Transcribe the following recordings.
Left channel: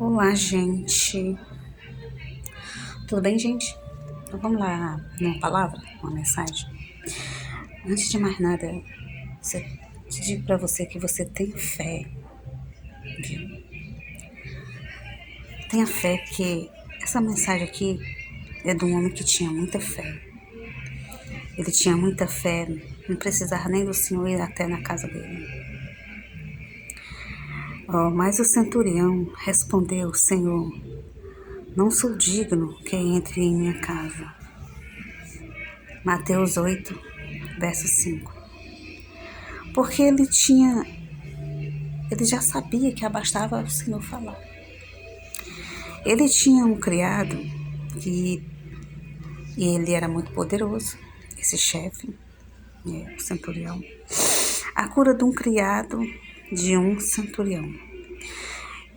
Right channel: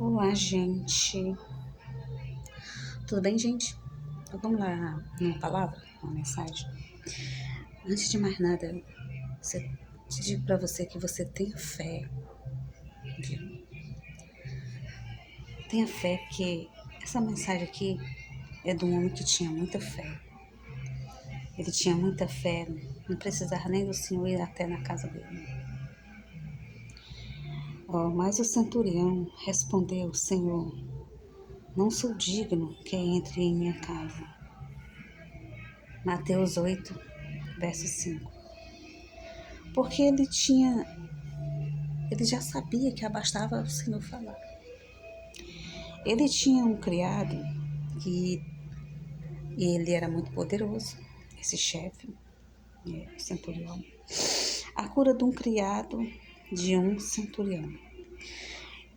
Olá, gente. Tudo bem, gente? Então, vamos lá numa palavra, uma mensagem. Antes de mais nada, te digo para você que você tem fé, viu? Tenha fé que essa mensagem aqui é de um homem que tinha muita fé. Ele tinha muita fé, não precisava nem do Senhor ir até na casa dele. Mas o centurião respondeu: Senhor, não sou digno que entre em minha casa. Mateus 8, verso 5. Porque ele já sabia que abastava o Senhor falar. Ele tinha um criado que ele era muito poderoso, esse chefe, o centurião. A cura de um criado de um centurião.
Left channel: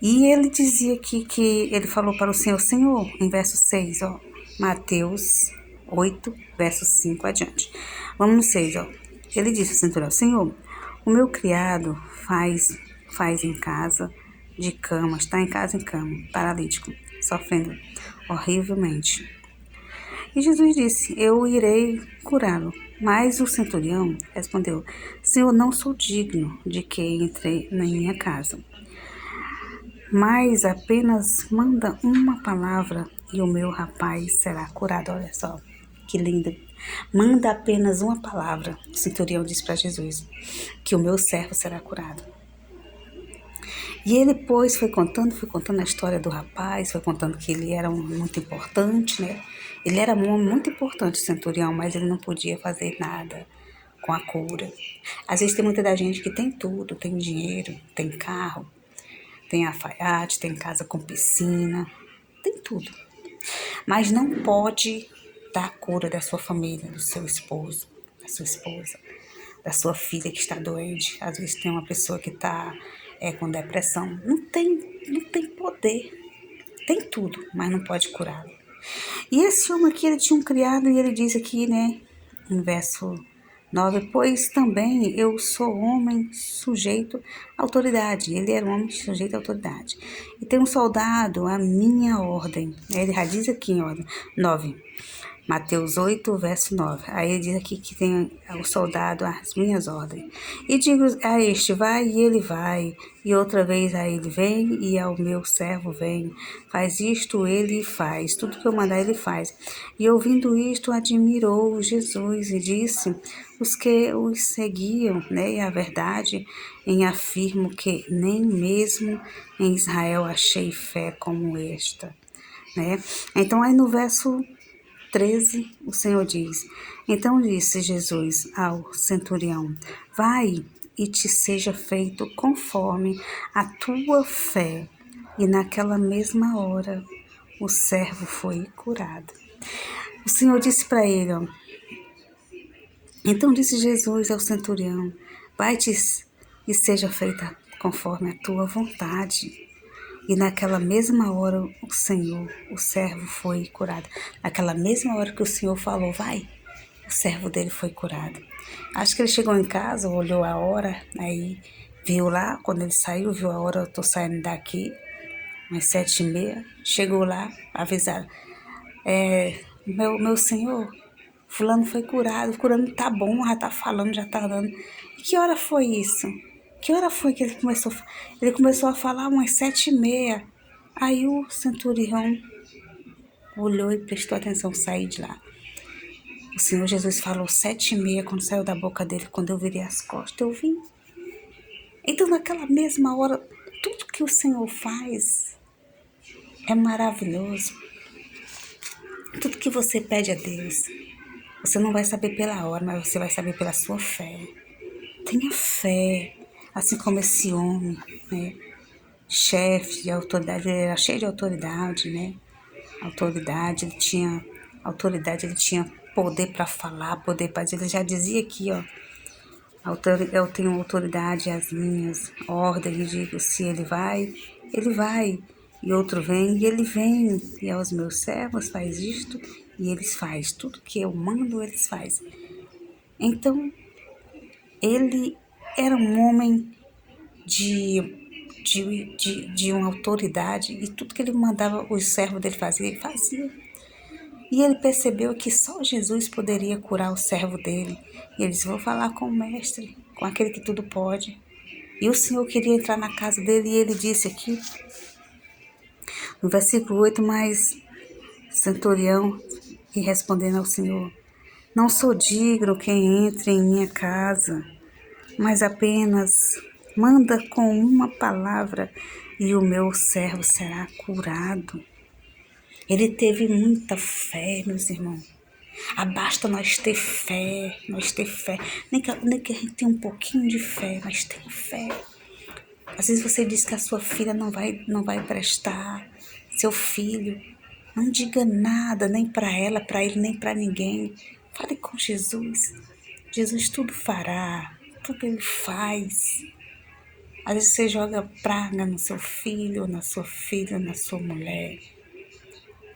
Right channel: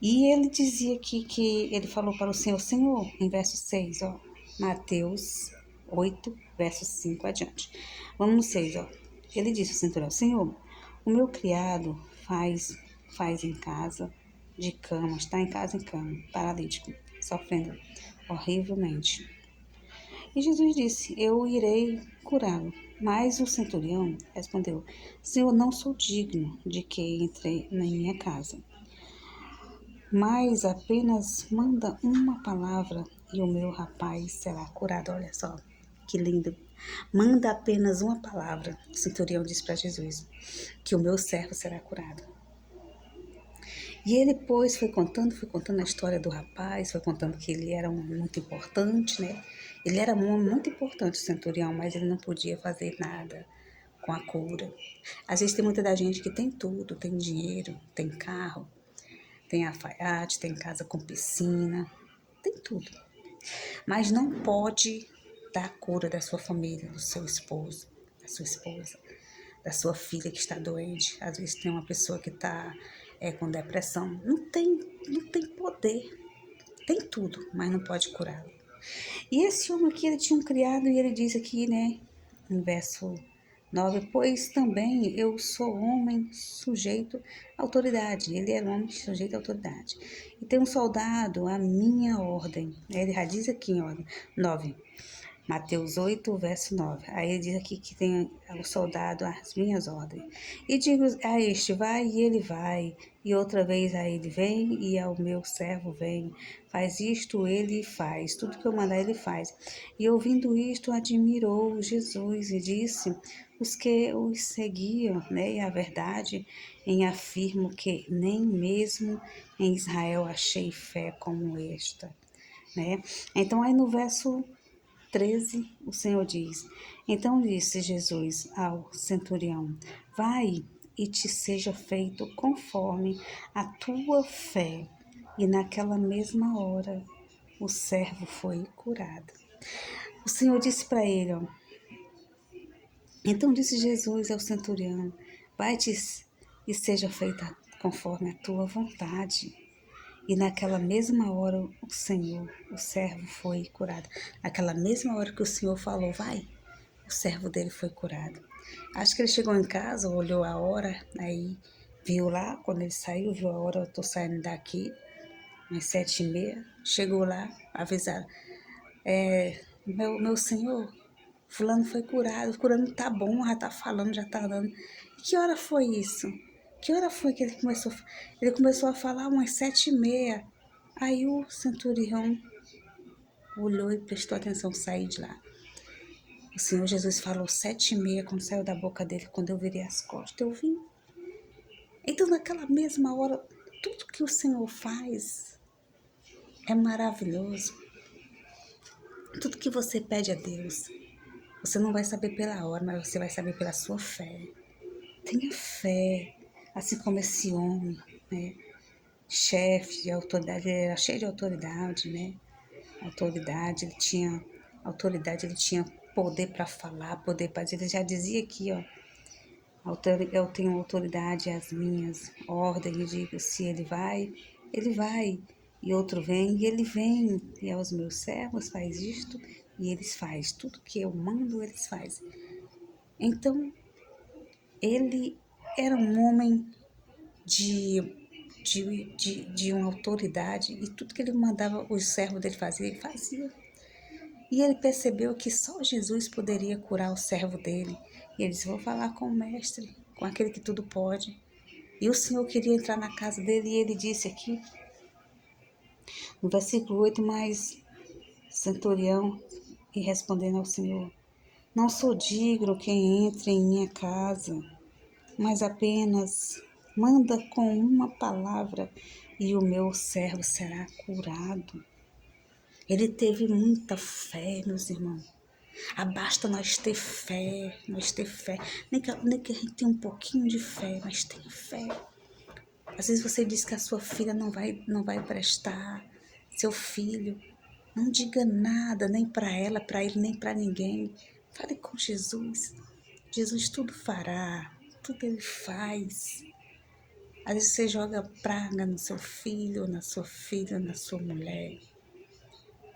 E ele dizia que ele falou para o Senhor, em verso 6, Mateus 8, verso 5 adiante. Vamos no 6, Ele disse ao centurião: Senhor, o meu criado faz em casa de cama, está em casa em cama, paralítico, sofrendo horrivelmente. E Jesus disse: Eu irei curá-lo. Mas o centurião respondeu: Senhor, não sou digno de que entre na minha casa, mas apenas manda uma palavra e o meu rapaz será curado. Olha só, que lindo. Manda apenas uma palavra. O centurião disse para Jesus que o meu servo será curado. E ele depois foi contando a história do rapaz, foi contando que ele era um muito importante, né? Ele era um homem muito importante, o centurião, mas ele não podia fazer nada com a cura. Às vezes tem muita da gente que tem tudo, tem dinheiro, tem carro, tem alfaiate, tem casa com piscina, tem tudo. Mas não pode dar a cura da sua família, do seu esposo, da sua esposa, da sua filha que está doente. Às vezes tem uma pessoa que está com depressão. Não tem poder. Tem tudo, mas não pode curá-lo. E esse homem aqui, ele tinha um criado e ele diz aqui, né, em verso 9, pois também eu sou homem sujeito à autoridade. Ele era um homem sujeito à autoridade. E tem um soldado à minha ordem. Ele já diz aqui em ordem, 9. Mateus 8, verso 9. Aí ele diz aqui que tem o soldado às minhas ordens. E digo a este, vai, e ele vai. E outra vez a ele vem, e ao meu servo vem. Faz isto, ele faz. Tudo que eu mandar, ele faz. E ouvindo isto, admirou Jesus e disse, os que os seguiam, né? E a verdade em afirmo que nem mesmo em Israel achei fé como esta, né? Então aí no verso 13, o Senhor diz: Então disse Jesus ao centurião: Vai e te seja feito conforme a tua fé. E naquela mesma hora o servo foi curado. O Senhor disse para ele: Então disse Jesus ao centurião: Vai-te e seja feita conforme a tua vontade. E naquela mesma hora o servo foi curado. Naquela mesma hora que o Senhor falou, vai, o servo dele foi curado. Acho que ele chegou em casa, olhou a hora, aí viu lá, quando ele saiu, viu a hora, eu tô saindo daqui, umas 7h30, chegou lá, avisaram, meu senhor, fulano foi curado, curando tá bom, já tá falando, já tá dando. E que hora foi isso? Que hora foi que ele começou? Ele começou a falar umas 7h30. Aí o centurião olhou e prestou atenção, saiu de lá. O Senhor Jesus falou 7h30, quando saiu da boca dele, quando eu virei as costas, eu vi. Então naquela mesma hora, tudo que o Senhor faz é maravilhoso. Tudo que você pede a Deus, você não vai saber pela hora, mas você vai saber pela sua fé. Tenha fé, assim como esse homem, né? Chefe de autoridade, ele era cheio de autoridade, né? Autoridade, ele tinha poder para falar, poder para dizer. Ele já dizia aqui, eu tenho autoridade às minhas ordens, digo, se ele vai, ele vai. E outro vem, e ele vem. E aos meus servos faz isto, e eles faz. Tudo que eu mando, eles faz. Então, ele era um homem de de uma autoridade, e tudo que ele mandava os servos dele fazer, ele fazia. E ele percebeu que só Jesus poderia curar o servo dele. E ele disse: vou falar com o mestre, com aquele que tudo pode. E o Senhor queria entrar na casa dele, e ele disse aqui, no versículo 8, mas centurião, e respondendo ao Senhor: não sou digno quem entre em minha casa, mas apenas manda com uma palavra e o meu servo será curado. Ele teve muita fé, meus irmãos. Basta nós ter fé, nem que a gente tenha um pouquinho de fé, mas tenha fé. Às vezes você diz que a sua filha não vai prestar, seu filho. Não diga nada, nem para ela, para ele, nem para ninguém. Fale com Jesus. Jesus tudo fará, tudo ele faz. Às vezes você joga praga no seu filho, na sua filha, na sua mulher.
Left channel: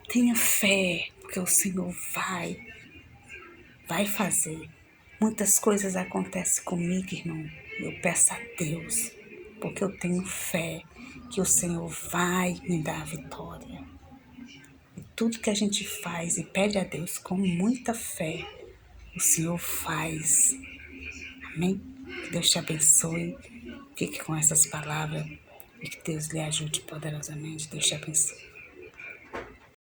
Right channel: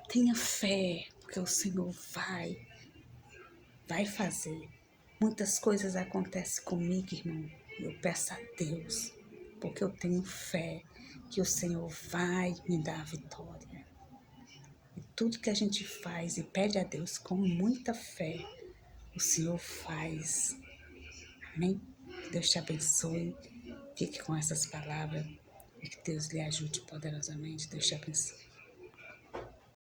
Tenha fé, porque o Senhor vai fazer. Muitas coisas acontecem comigo, irmão. Eu peço a Deus, porque eu tenho fé que o Senhor vai me dar a vitória. E tudo que a gente faz e pede a Deus com muita fé, o Senhor faz. Amém? Que Deus te abençoe. Fique com essas palavras e que Deus lhe ajude poderosamente. Deus te abençoe.